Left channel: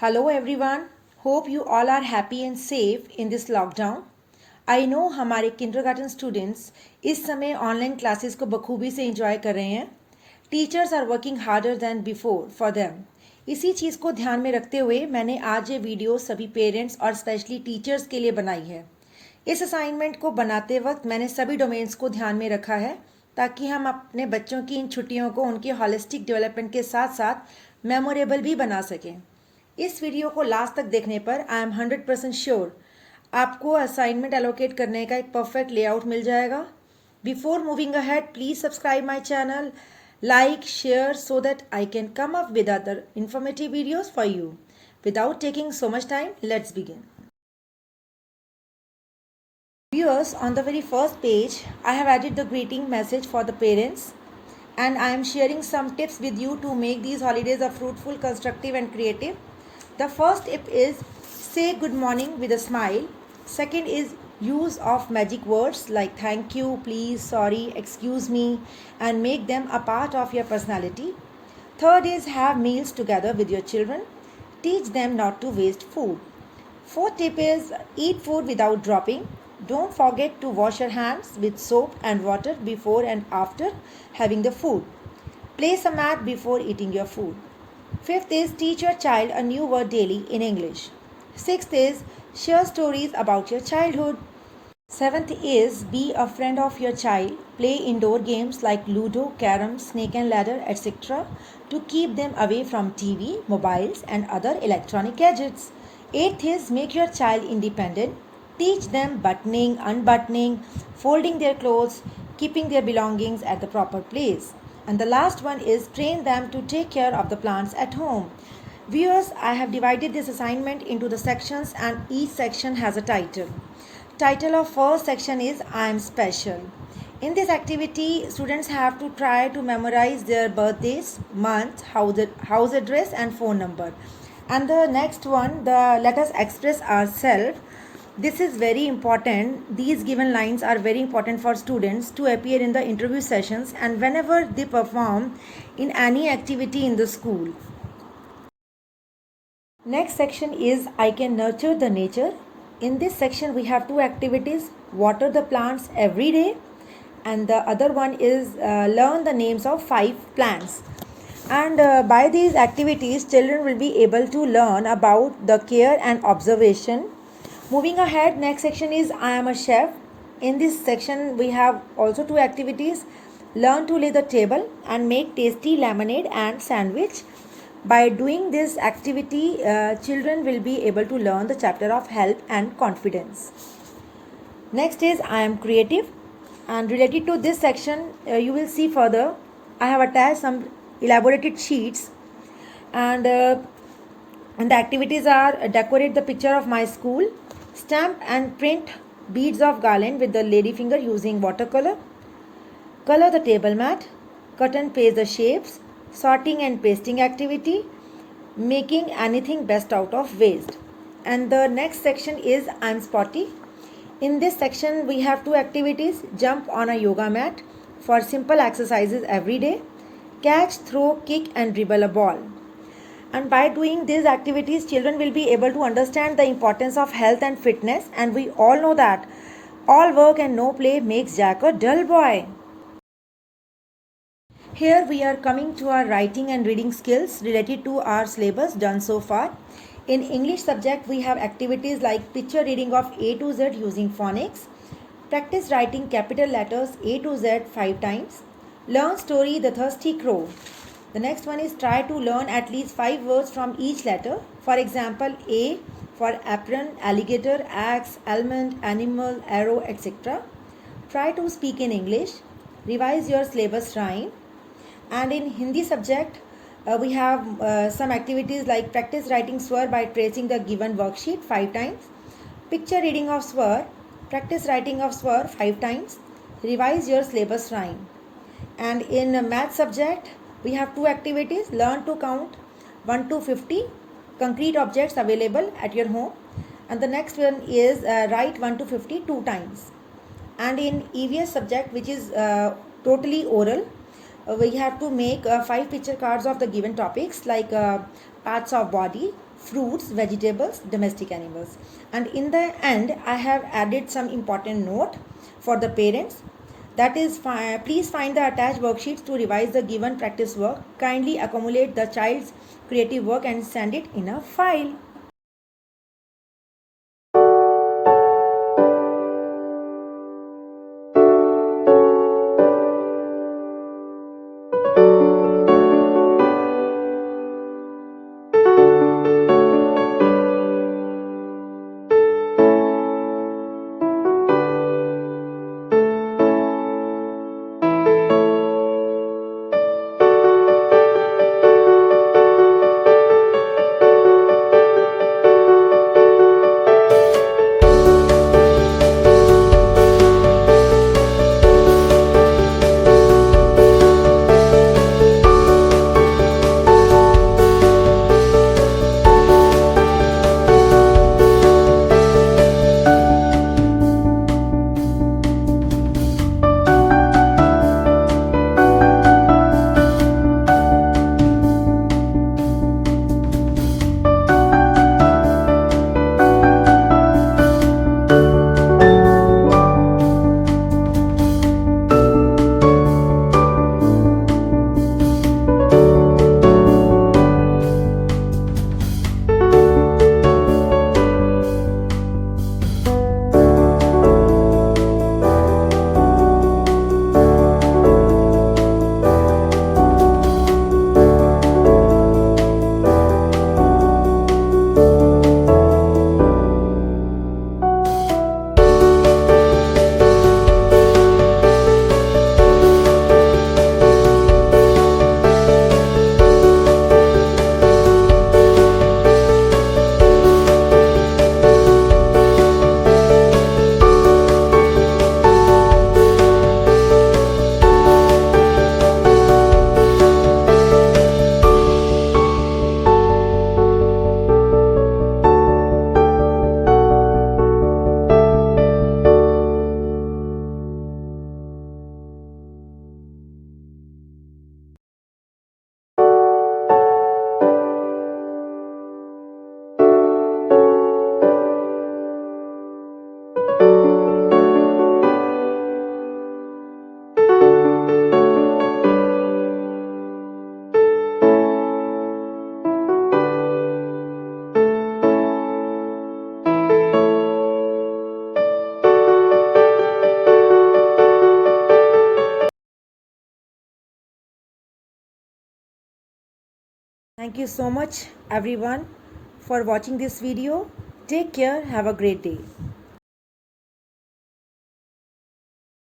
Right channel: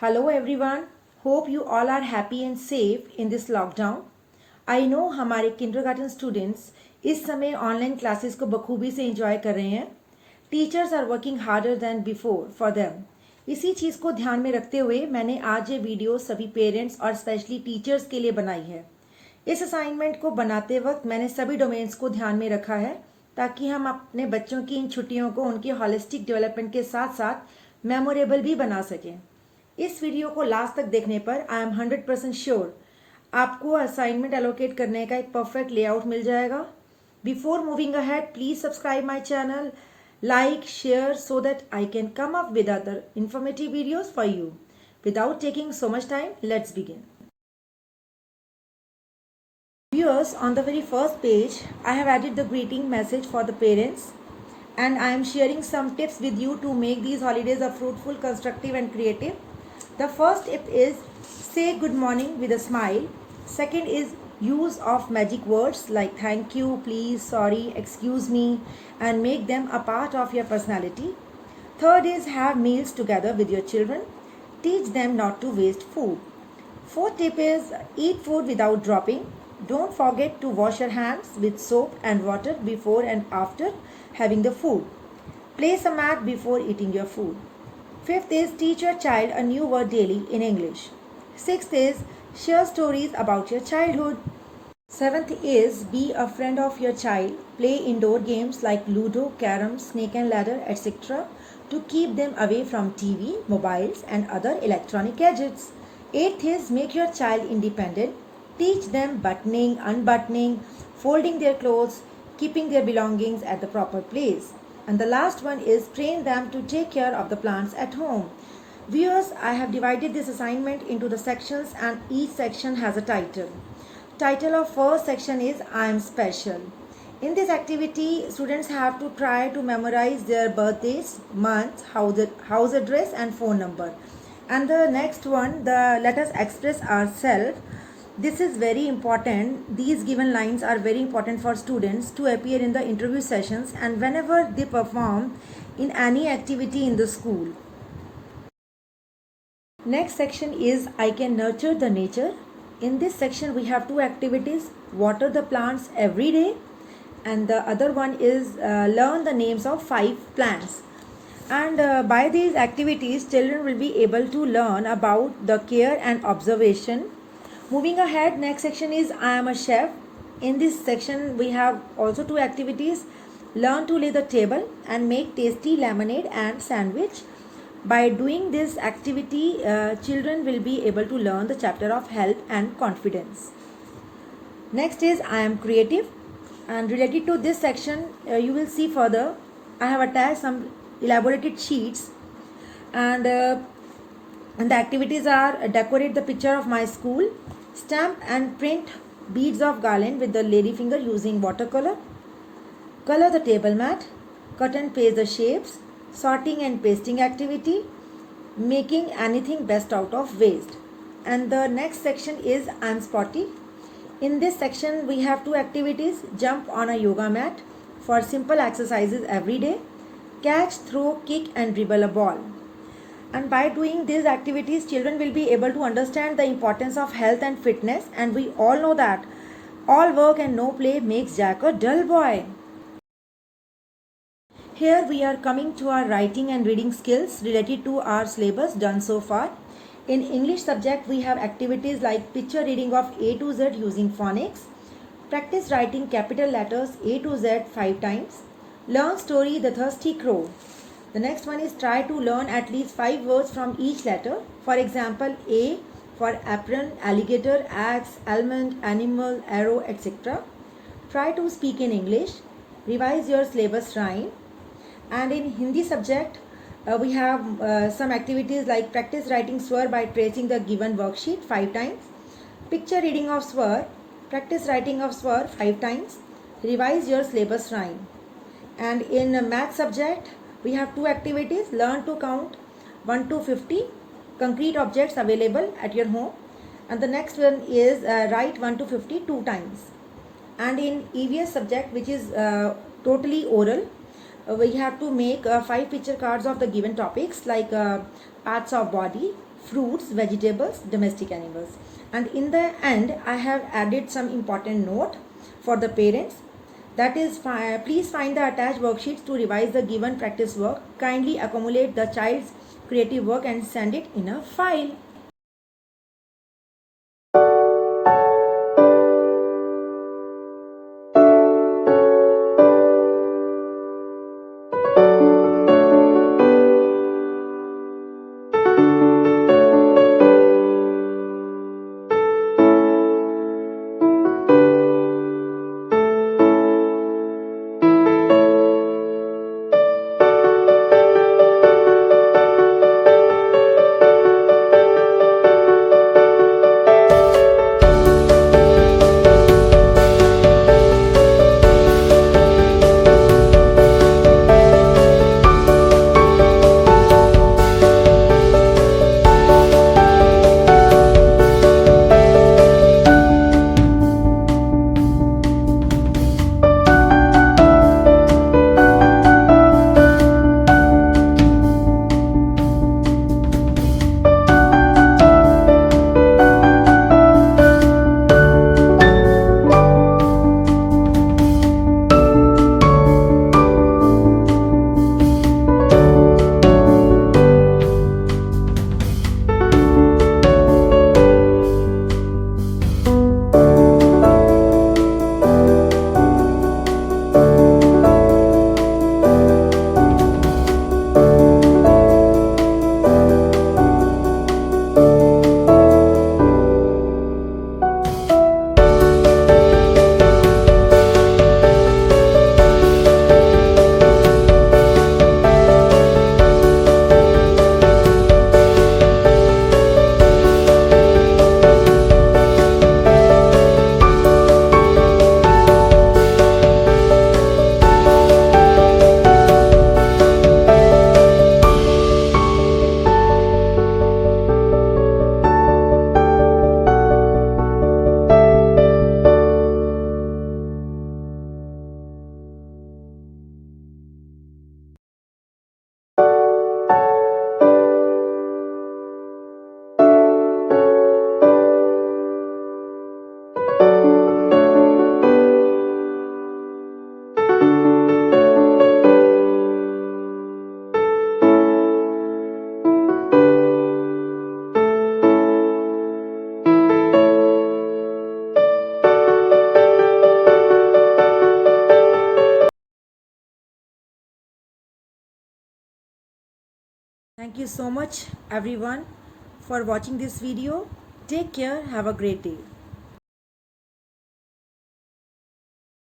Hello everyone. Hope you all are happy and safe in this lockdown. I know हमारे kindergarten students इस समय online classes को बखूबी से एंजॉय कर रहे हैं. Teachers are working harder than before for them. इसी चीज़ को ध्यान में रखते हुए मैंने आज ये वीडियो सभी पेरेंट्स और स्पेशली टीचर्स के लिए बनाई है. इस असाइनमेंट को बनाते वक्त मैंने सभी डोमेन्स को ध्यान में रखा है ताकि हम अपने बच्चों की इन छुट्टियों को उनके हॉलिस्टिक डेवलपमेंट के साथ साथ मेमोरेबल भी बना सकें. इस वीडियो को लास्ट तक देखने पर आई एम 100% श्योर आपको असाइनमेंट एलोकेट करने का एक परफेक्ट लेआउट मिल जाएगा. Before moving ahead please subscribe my channel, like, share so that I can come up with other informative videos for you. Without taking so much time, let's begin. Viewers, on the very first page, I have added the greeting message for the parents and I am sharing some tips with you to make these holidays a fruitful, constructive and creative. The first tip is say good morning with a smile. Second is use of magic words like thank you, please, sorry, excuse me and make them a part of your personality. Third is have meals together with your children. Teach them not to waste food. Fourth tip is eat food without dropping. Don't forget to wash your hands with soap and water before and after having the food. Place a mat before eating your food. Fifth is teach your child a new word daily in English. Sixth is share stories about your childhood. Seventh is be a friend of your child. Play indoor games like Ludo, Carom, Snake and Ladder, etc. to keep them away from TV, mobiles and other electronic gadgets. Eighth is make your child independent. Teach them buttoning, unbuttoning, folding their clothes, keeping their belongings at the proper place. And the last one is train them to take care of the plants at home. Viewers, I have divided this assignment into the sections and each section has a title. Title of first section is I am special. In this activity, students have to try to memorize their birthdays, month, house address and phone number. And the next one, the let us express ourselves. This is very important. These given lines are very important for students to appear in the interview sessions and whenever they perform in any activity in the school. Next section is I can nurture the nature. In this section we have two activities, water the plants every day and the other one is learn the names of 5 plants. And by these activities children will be able to learn about the care and observation. Moving ahead, next section is I am a chef. In this section we have also two activities, learn to lay the table and make tasty lemonade and sandwich. By doing this activity, children will be able to learn the chapter of health and confidence. Next is I am creative, and related to this section you will see further I have attached some elaborated sheets and the activities are decorate the picture of my school, stamp and print beads of garland with the lady finger using watercolor, color the table mat, cut and paste the shapes, sorting and pasting activity, making anything best out of waste. And the next section is I am spotty. In this section we have two activities, jump on a yoga mat for simple exercises every day, catch, throw, kick and dribble a ball. And by doing these activities children will be able to understand the importance of health and fitness, and we all know that all work and no play makes Jack a dull boy. Here we are coming to our writing and reading skills related to our syllabus done so far. In English subject we have activities like picture reading of A to Z using phonics, practice writing capital letters A to Z 5 times, learn story The Thirsty Crow. The next one is try to learn at least 5 words from each letter. For example, A for apron, alligator, axe, almond, animal, arrow, etc. Try to speak in English. Revise your syllabus rhyme. And in Hindi subject, we have some activities like practice writing swar by tracing the given worksheet 5 times. Picture reading of swar. Practice writing of swar 5 times. Revise your syllabus rhyme. And in math subject, we have two activities, learn to count 1 to 50 concrete objects available at your home, and the next one is write 1 to 50 2 times. And in EVS subject, which is totally oral, we have to make 5 picture cards of the given topics like parts of body, fruits, vegetables, domestic animals. And in the end, I have added some important note for the parents. That is, please find the attached worksheets to revise the given practice work. Kindly accumulate the child's creative work and send it in a file. Thank you so much everyone for watching this video. Take care. Have a great day.